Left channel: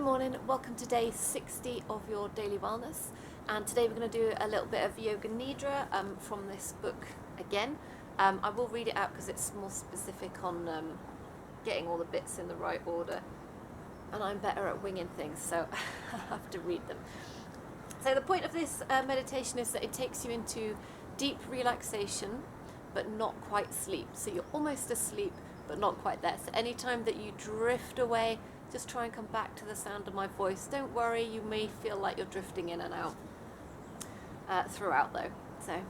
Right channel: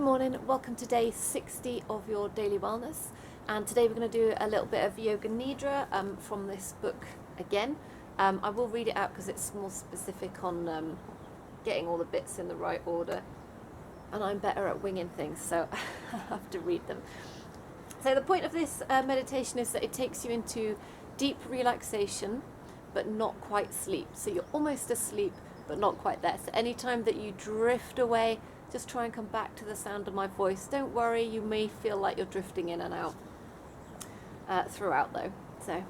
Good morning, welcome to day 60 of your daily wellness, and today we're going to do a little bit of Yoga Nidra from this book again. I will read it out because it's more specific on getting all the bits in the right order, and I'm better at winging things, so I have to read them. So the point of this meditation is that it takes you into deep relaxation but not quite sleep. So you're almost asleep but not quite there. So anytime that you drift away, just try and come back to the sound of my voice. Don't worry, you may feel like you're drifting in and out throughout though. So,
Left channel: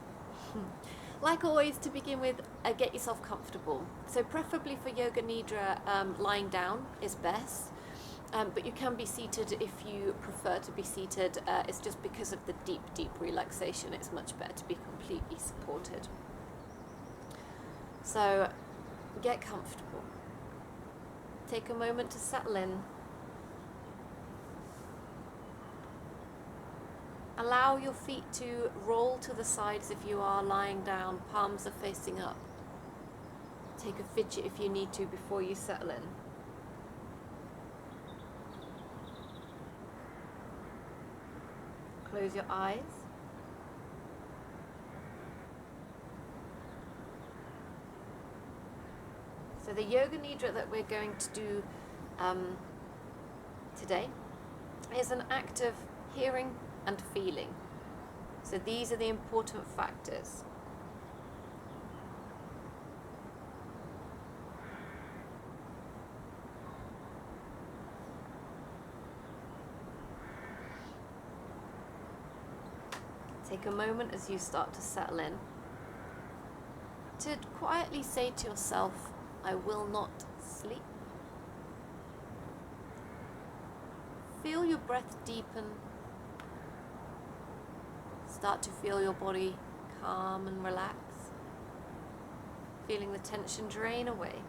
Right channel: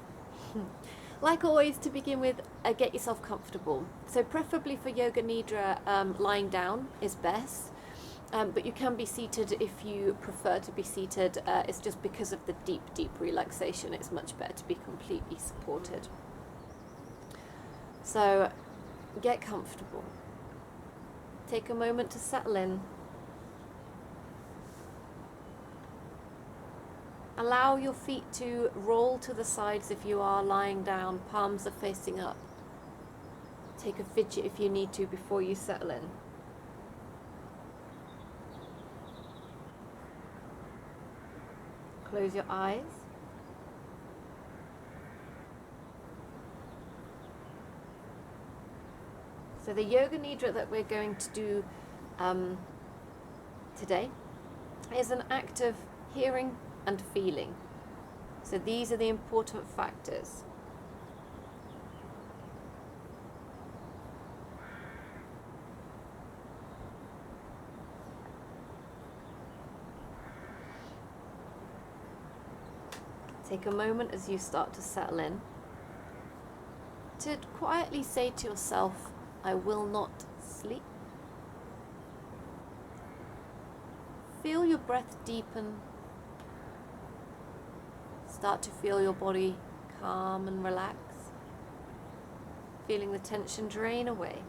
like always, to begin with, get yourself comfortable. So preferably for Yoga Nidra, lying down is best. But you can be seated if you prefer to be seated. It's just because of the deep relaxation, it's much better to be completely supported. So, get comfortable. Take a moment to settle in. Allow your feet to roll to the sides if you are lying down, palms are facing up. Take a fidget if you need to before you settle in. Close your eyes. So the Yoga Nidra that we're going to do today is an act of hearing and feeling. So these are the important factors. Take a moment as you start to settle in to quietly say to yourself, I will not sleep. Feel your breath deepen. Start to feel your body calm and relax. Feeling the tension drain away.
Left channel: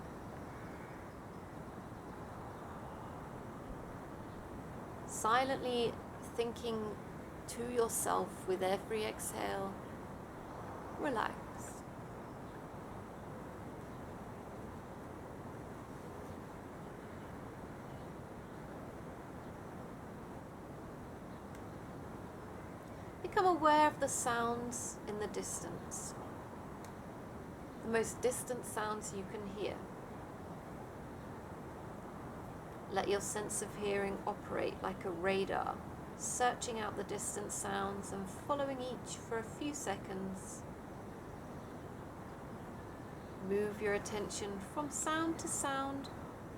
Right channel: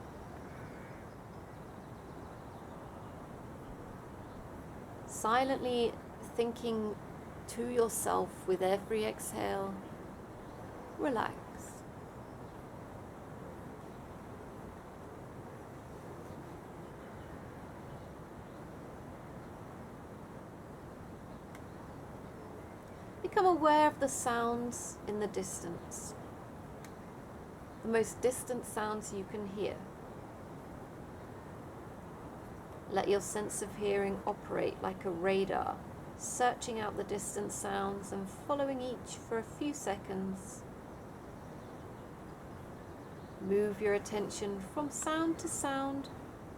Silently thinking to yourself with every exhale, relax. Become aware of the sounds in the distance, the most distant sounds you can hear. Let your sense of hearing operate like a radar, searching out the distant sounds and following each for a few seconds. Move your attention from sound to sound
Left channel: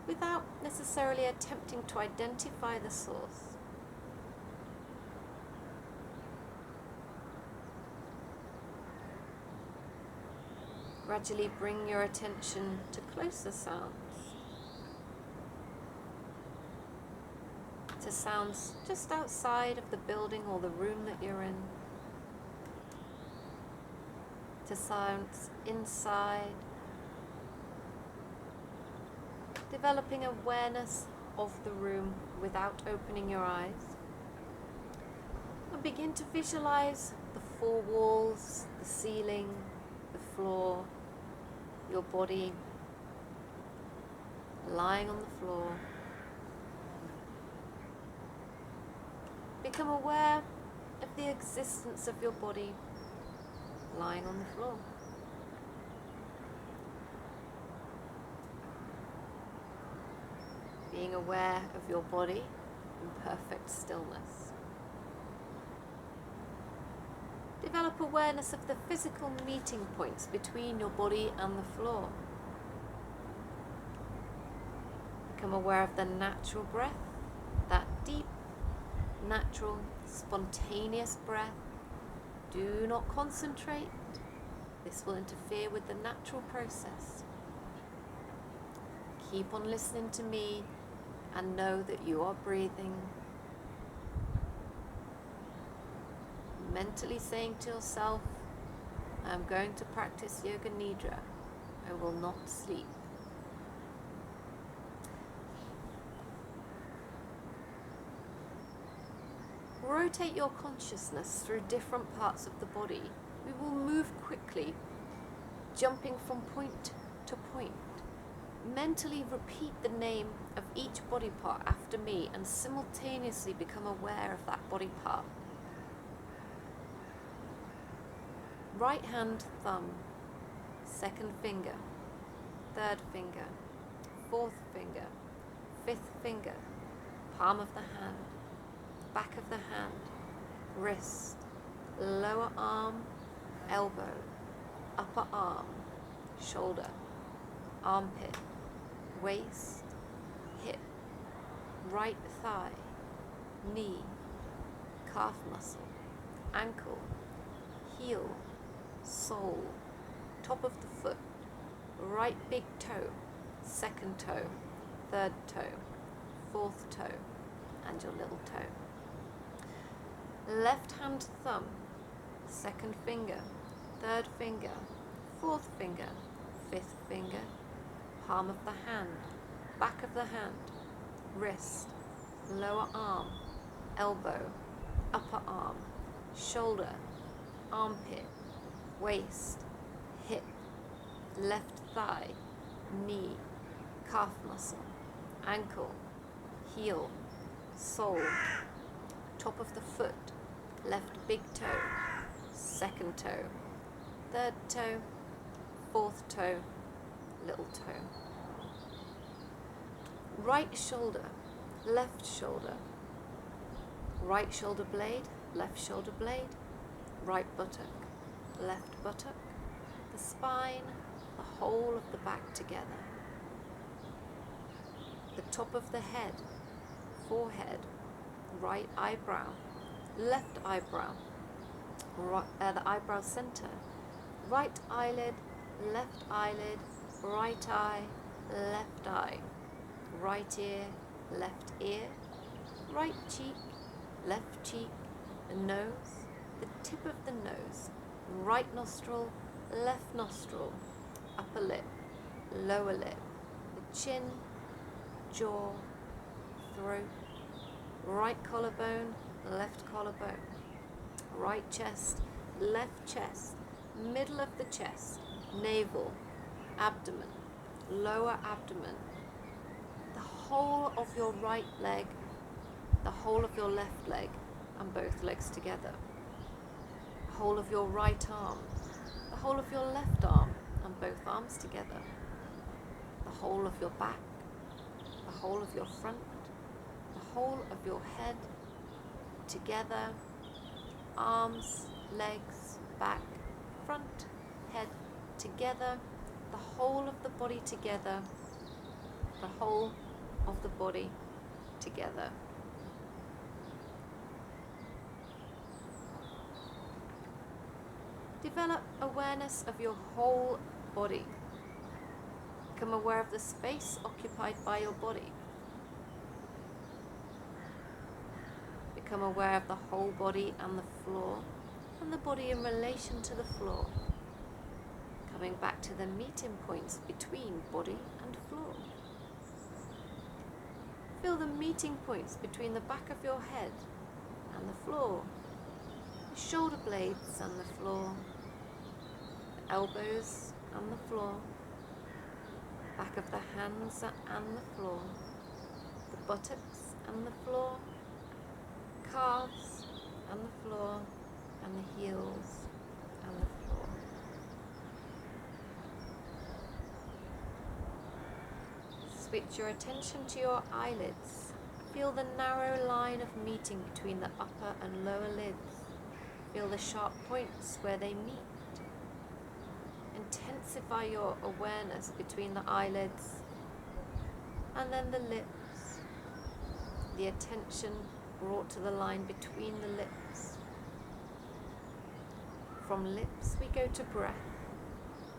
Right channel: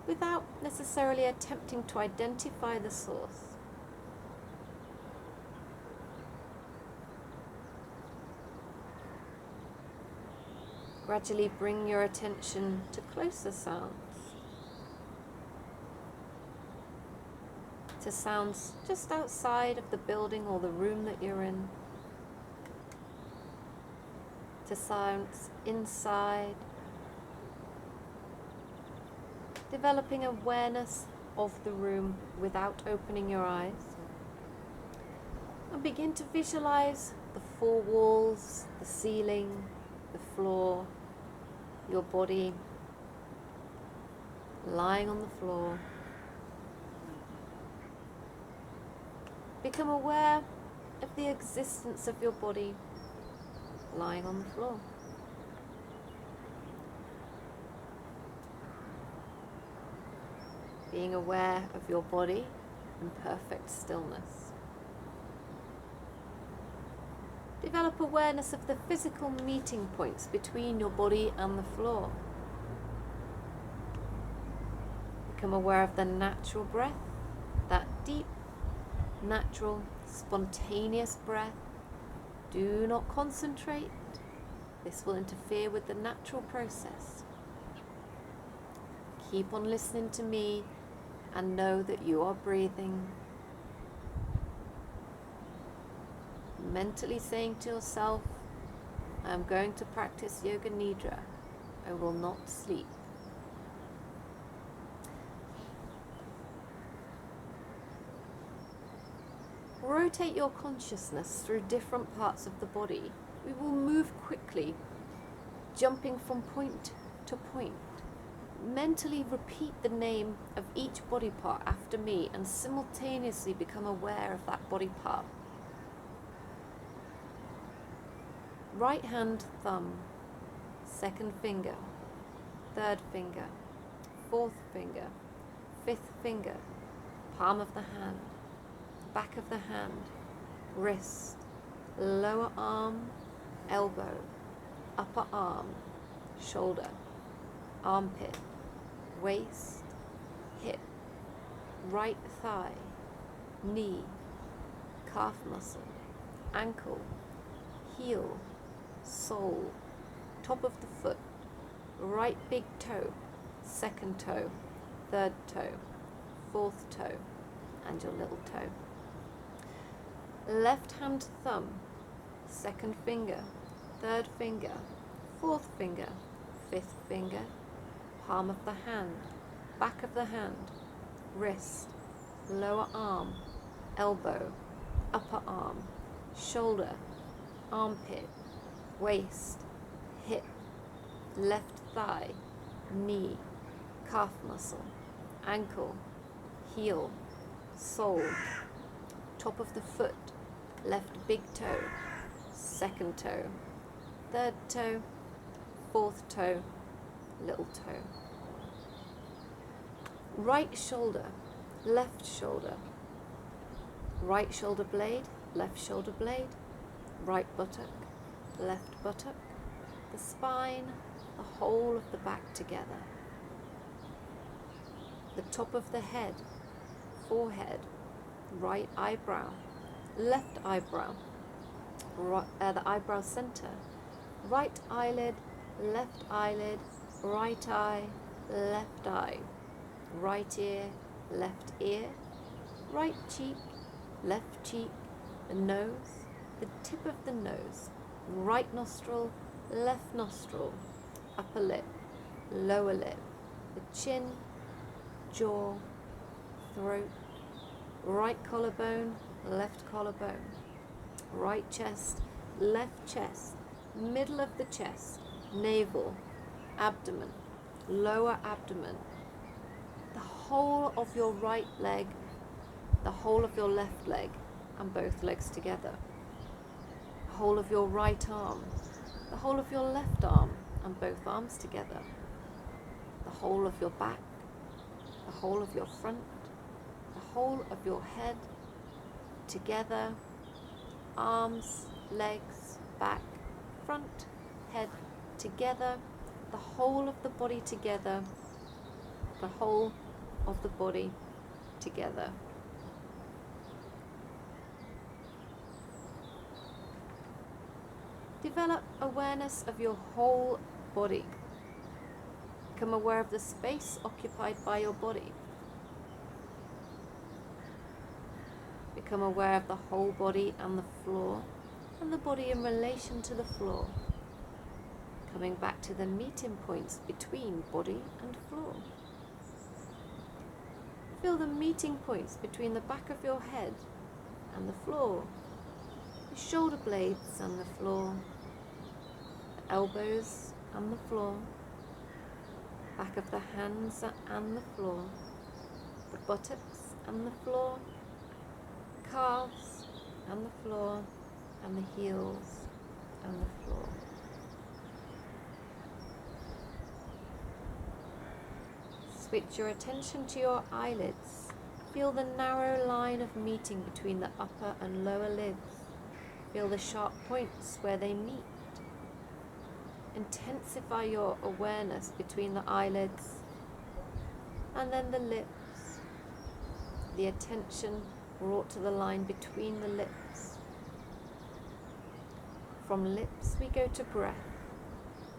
without necessarily attempting to identify the source. Gradually bring your attention to closer sounds, to sounds just outside of the building or the room that you're in, to sounds inside, developing awareness of the room without opening your eyes, and begin to visualize the four walls, the ceiling, the floor, your body lying on the floor. Become aware of the existence of your body lying on the floor. Being aware of your body in perfect stillness. Develop awareness of the physical meeting points between your body and the floor. Become aware of the natural breath, that deep, natural, spontaneous breath. Do not concentrate. This will interfere with the natural process. Keep on listening to me and know that you are breathing. Mentally saying to yourself, I am going to practice Yoga Nidra. I will not sleep. Rotate your consciousness through different parts of the body. We will move quickly, jumping from point to point, mentally repeat the name of each body part after me and simultaneously become aware of that body part. Right hand thumb, second finger, third finger, fourth finger, fifth finger, palm of the hand, back of the hand, wrist, lower arm, elbow, upper arm, shoulder, armpit, waist, hip, right thigh, knee, calf muscle, ankle, heel, sole, top of the foot, right big toe, second toe, third toe, fourth toe, and your little toe. Left hand thumb, second finger, third finger, fourth finger, fifth finger, palm of the hand, back of the hand, wrist, lower arm, elbow, upper arm, shoulder, armpit, waist, hip, left thigh, knee, calf muscle, ankle, heel, sole, top of the foot, left big toe, second toe, third toe, fourth toe, little toe. Right shoulder, left shoulder, right shoulder blade, left shoulder blade, right buttock, left buttock, the spine, the whole of the back together. The top of the head, forehead, right eyebrow, left eyebrow, the eyebrow center, right eyelid, right eye, left eye, right ear, right cheek, left cheek, the nose, the tip of the nose, right nostril, left nostril, upper lip, lower lip, the chin, jaw, throat, right collarbone, left collarbone, right chest, left chest, middle of the chest, navel, abdomen, lower abdomen, the whole of your right leg, the whole of your left leg, and both legs together, the whole of your right arm, the whole of your left arm, and both arms together, the whole of your back, the whole of your front, the whole of your head, together, arms, legs, back, front, head, together, the whole of the body together, the whole of the body together. Develop awareness of your whole body. Become aware of the space occupied by your body. Become aware of the whole body and the floor, and the body in relation to the floor. Coming back to the meeting points between body and floor. Feel the meeting points between the back of your head and the floor, the shoulder blades and the floor, the elbows and the floor, back of the hands and the floor, the buttocks and the floor, the calves and the floor, and the heels and the floor. Switch your attention to your eyelids. Feel the narrow line of meeting between the upper and lower lids. Feel the sharp points where they meet. Intensify your awareness between the eyelids and then the lips. The attention brought to the line between the lips. From lips we go to breath.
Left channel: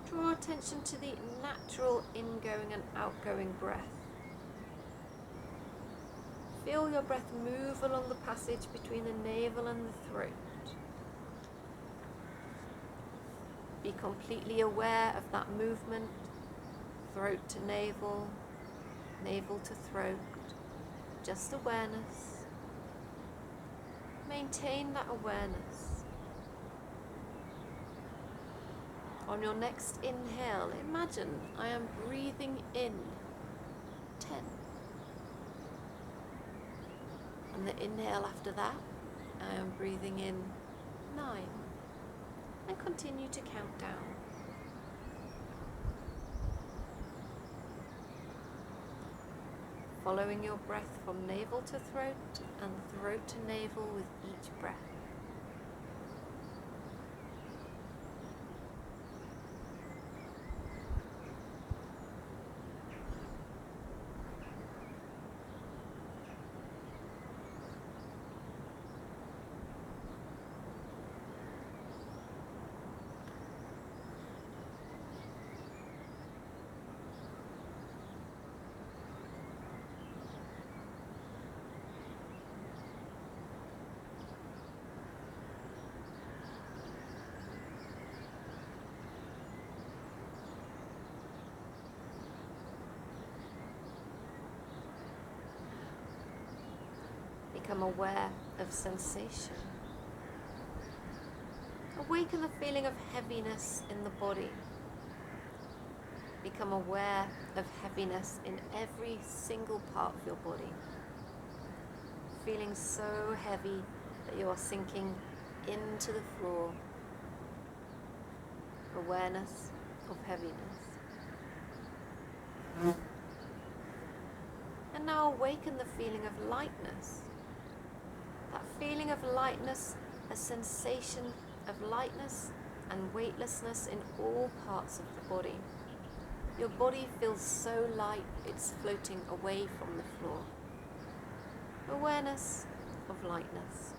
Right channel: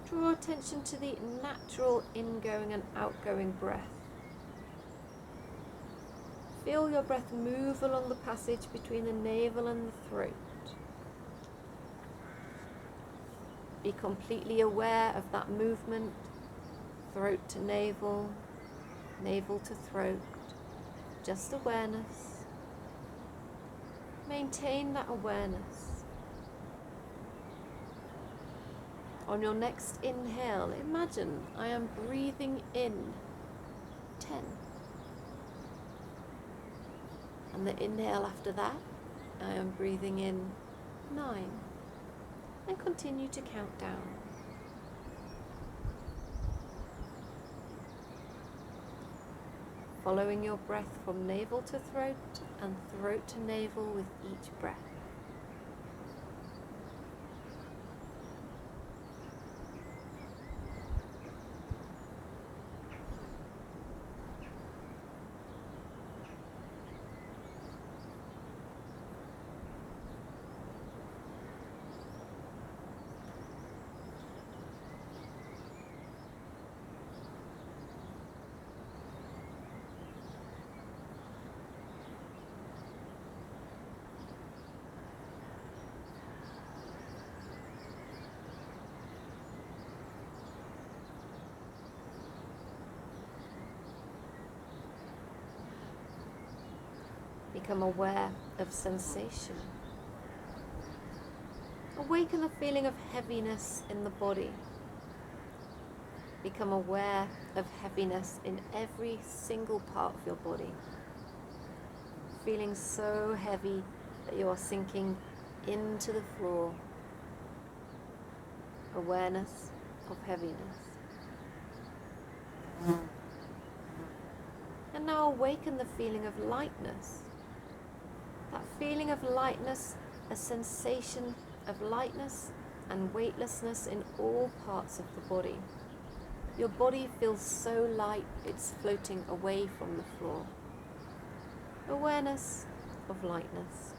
Draw attention to the natural ingoing and outgoing breath. Feel your breath move along the passage between the navel and the throat. Be completely aware of that movement, throat to navel, navel to throat, just awareness. Maintain that awareness. On your next inhale, imagine I am breathing in 10. And the inhale after that, I am breathing in 9. And continue to count down. Following your breath from navel to throat and throat to navel with each breath. Become aware of sensation. Awaken the feeling of heaviness in the body. Become aware of heaviness in every single part of your body. Feeling so heavy that you are sinking into the floor. Awareness of heaviness. And now awaken the feeling of lightness. That feeling of lightness, a sensation of lightness and weightlessness in all parts of the body. Your body feels so light it's floating away from the floor. Awareness of lightness.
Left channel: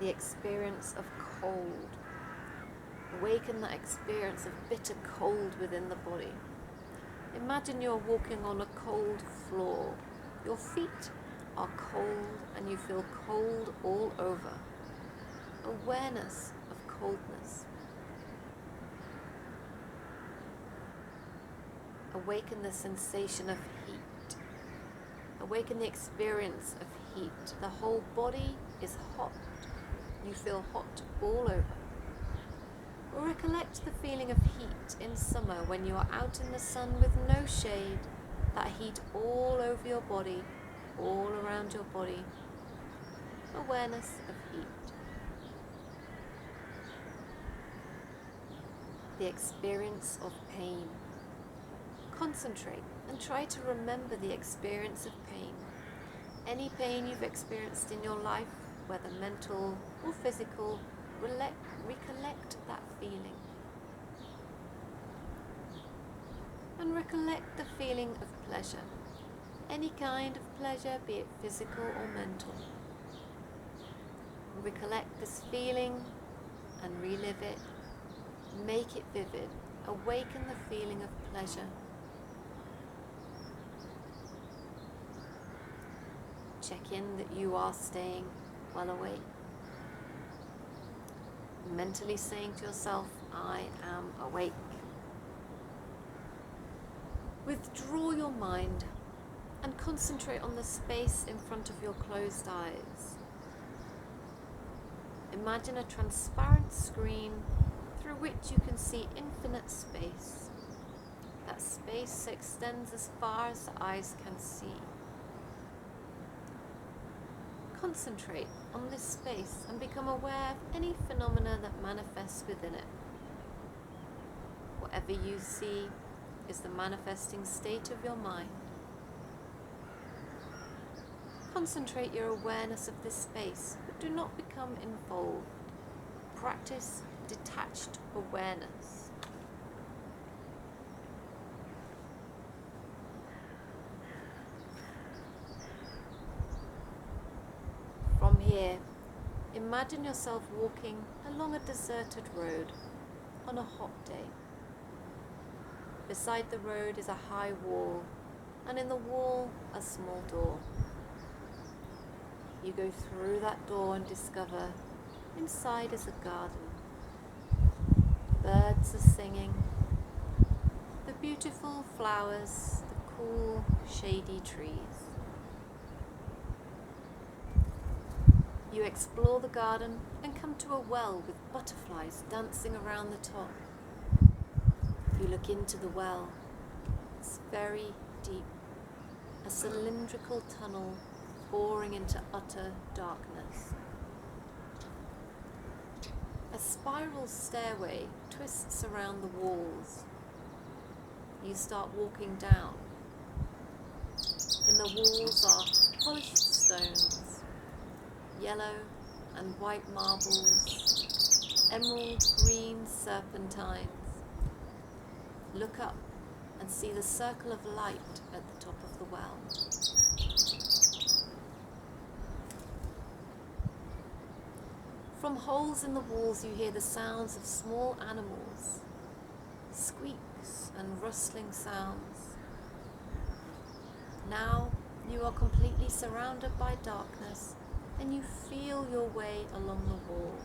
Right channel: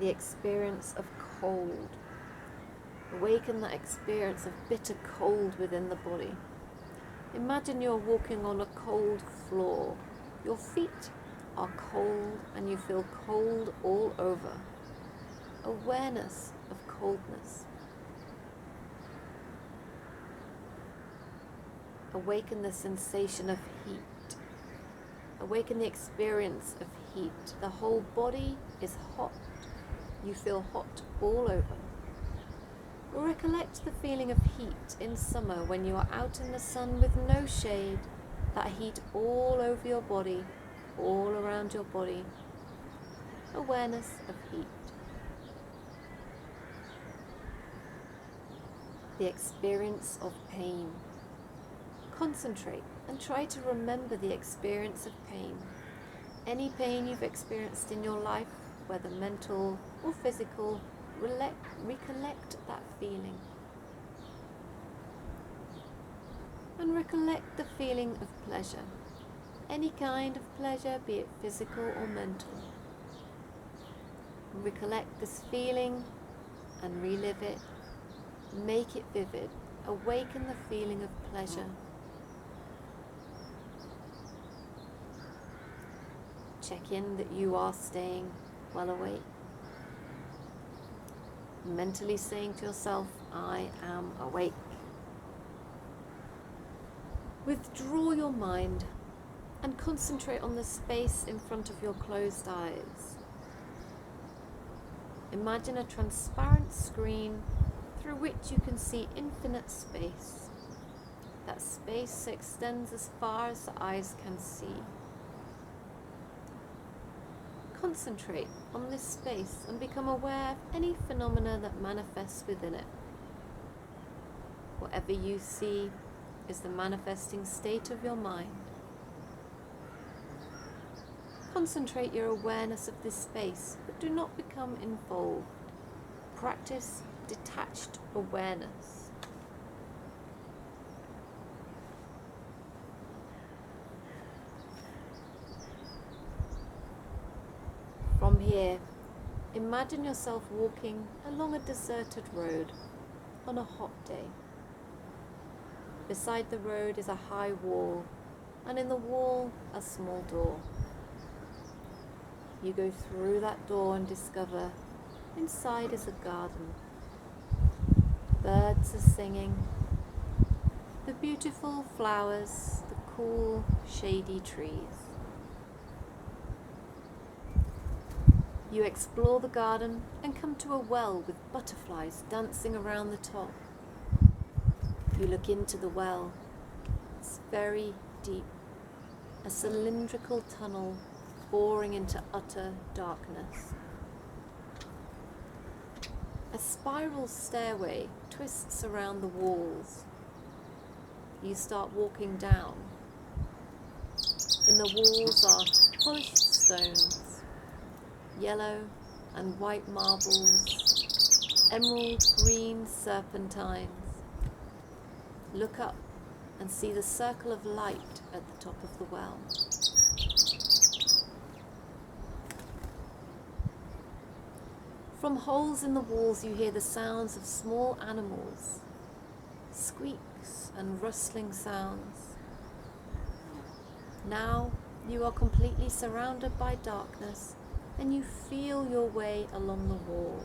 The experience of cold. Awaken that experience of bitter cold within the body. Imagine you're walking on a cold floor. Your feet are cold and you feel cold all over. Awareness of coldness. Awaken the sensation of heat. Awaken the experience of heat. The whole body is hot. You feel hot all over. Recollect the feeling of heat in summer when you are out in the sun with no shade, that heat all over your body, all around your body. Awareness of heat. The experience of pain. Concentrate and try to remember the experience of pain. Any pain you've experienced in your life, whether mental or physical, recollect that feeling. And recollect the feeling of pleasure. Any kind of pleasure, be it physical or mental. Recollect this feeling and relive it. Make it vivid. Awaken the feeling of pleasure. Check in that you are staying well awake. Mentally saying to yourself, I am awake. Withdraw your mind and concentrate on the space in front of your closed eyes. Imagine a transparent screen through which you can see infinite space. That space extends as far as the eyes can see. Concentrate on this space and become aware of any phenomena that manifests within it. Whatever you see is the manifesting state of your mind. Concentrate your awareness of this space, but do not become involved. Practice detached awareness. From here, imagine yourself walking along a deserted road on a hot day. Beside the road is a high wall, and in the wall a small door. You go through that door and discover inside is a garden. Birds are singing. The beautiful flowers, the cool, shady trees. You explore the garden and come to a well with butterflies dancing around the top. You look into the well. It's very deep, a cylindrical tunnel boring into utter darkness. A spiral stairway twists around the walls. You start walking down. In the walls are polished stones, yellow and white marbles, emerald green serpentines. Look up and see the circle of light at the top of the well. From holes in the walls you hear the sounds of small animals, squeaks and rustling sounds. Now you are completely surrounded by darkness and you feel your way along the wall.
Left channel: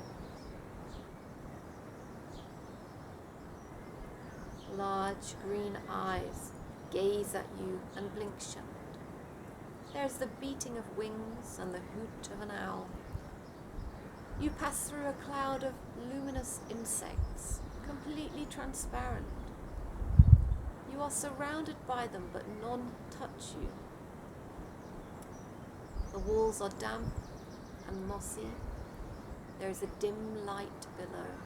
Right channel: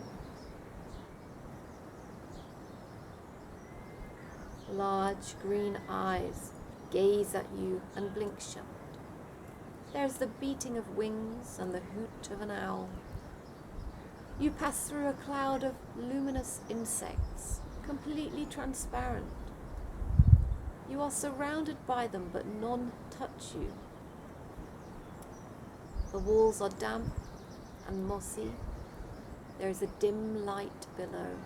Large green eyes gaze at you and blink shut. There is the beating of wings and the hoot of an owl. You pass through a cloud of luminous insects, completely transparent. You are surrounded by them, but none touch you. The walls are damp and mossy. There is a dim light below.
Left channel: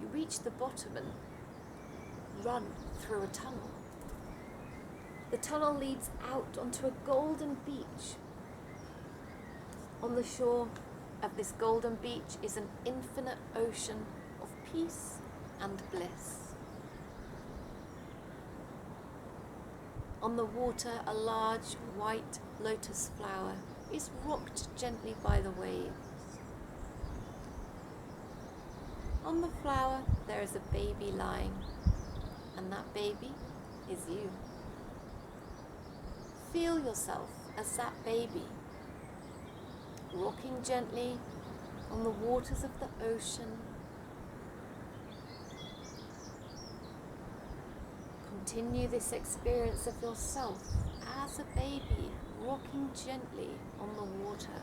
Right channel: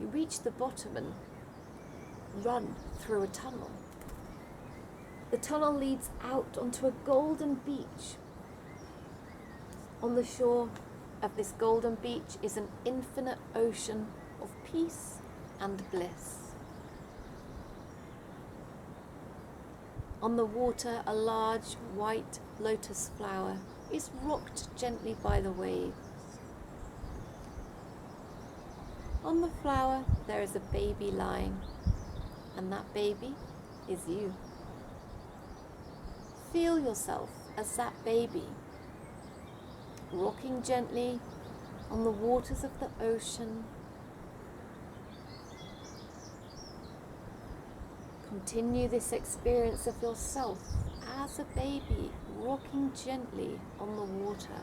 You reach the bottom and run through a tunnel. The tunnel leads out onto a golden beach. On the shore of this golden beach is an infinite ocean of peace and bliss. On the water, a large white lotus flower is rocked gently by the waves. On the flower, there is a baby lying, and that baby is you. Feel yourself as that baby, rocking gently on the waters of the ocean. Continue this experience of yourself as a baby, rocking gently on the water.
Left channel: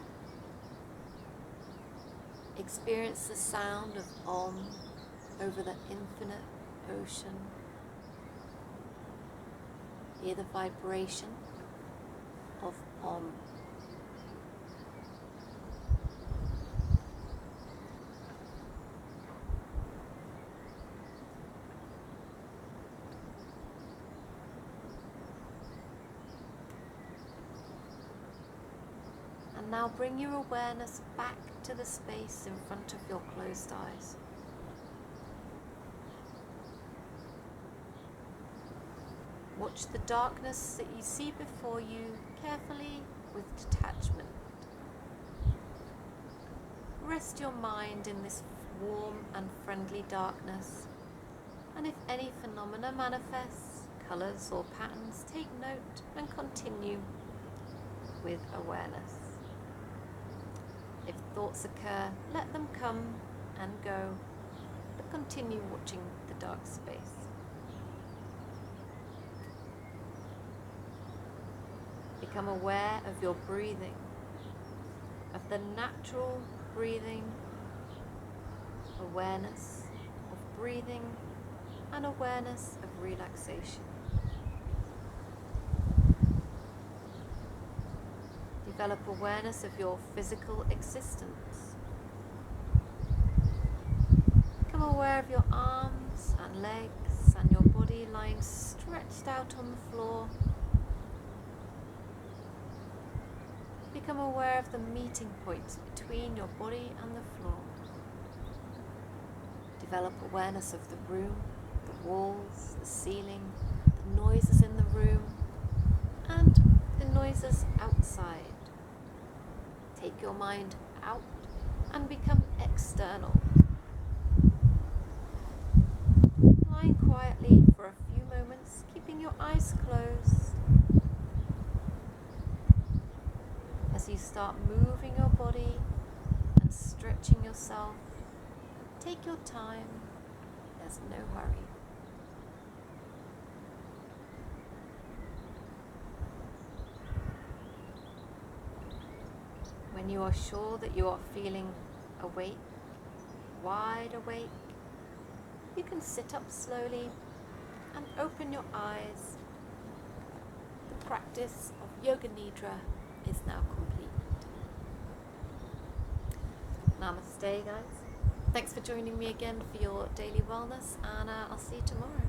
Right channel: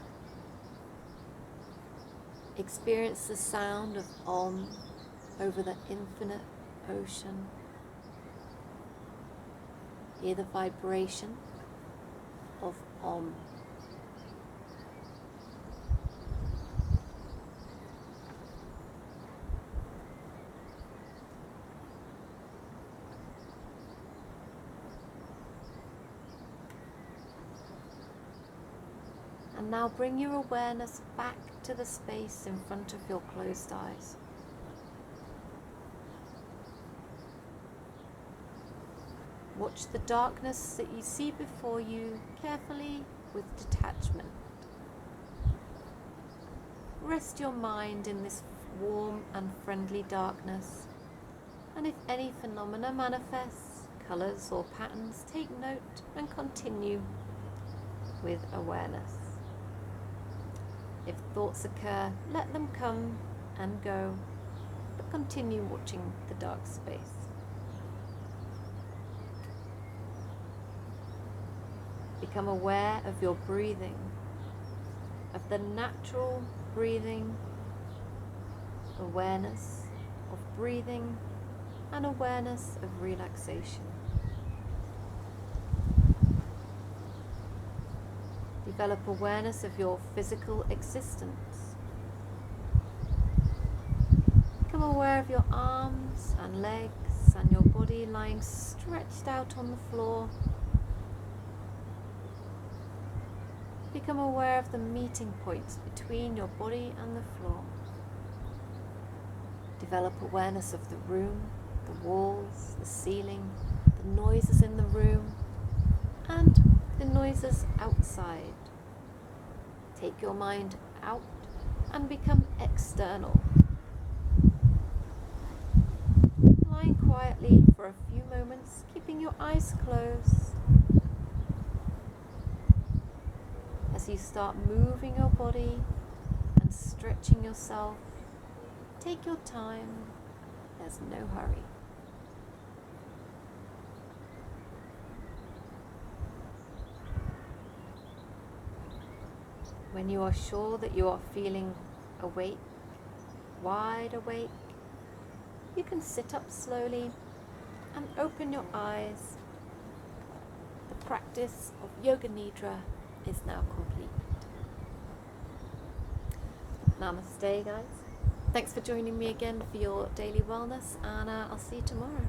Experience the sound of Om over the infinite ocean. Hear the vibration of Om. And now bring your awareness back to the space in front of your closed eyes. Watch the darkness that you see before you carefully with detachment. Rest your mind in this warm and friendly darkness, and if any phenomena manifests, colours or patterns, take note and continue with awareness. If thoughts occur, let them come and go, but continue watching the dark space. Become aware of your breathing, of the natural breathing, awareness of breathing and awareness of relaxation. Develop awareness of your physical existence. Become aware of your arms and legs and your body lying stretched out on the floor. Become aware of the meeting points between your body and the floor. Develop awareness of the room, the walls, the ceiling, the noises in the room, and the noises outside. Take your mind out and become external. Lying quietly for a few moments, keeping your eyes closed. As you start moving your body and stretching yourself, take your time, there's no hurry. When you are sure that you are feeling awake, wide awake, you can sit up slowly and open your eyes. The practice of Yoga Nidra is now complete. Namaste, guys. Thanks for joining me again for your daily wellness, and I'll see you tomorrow.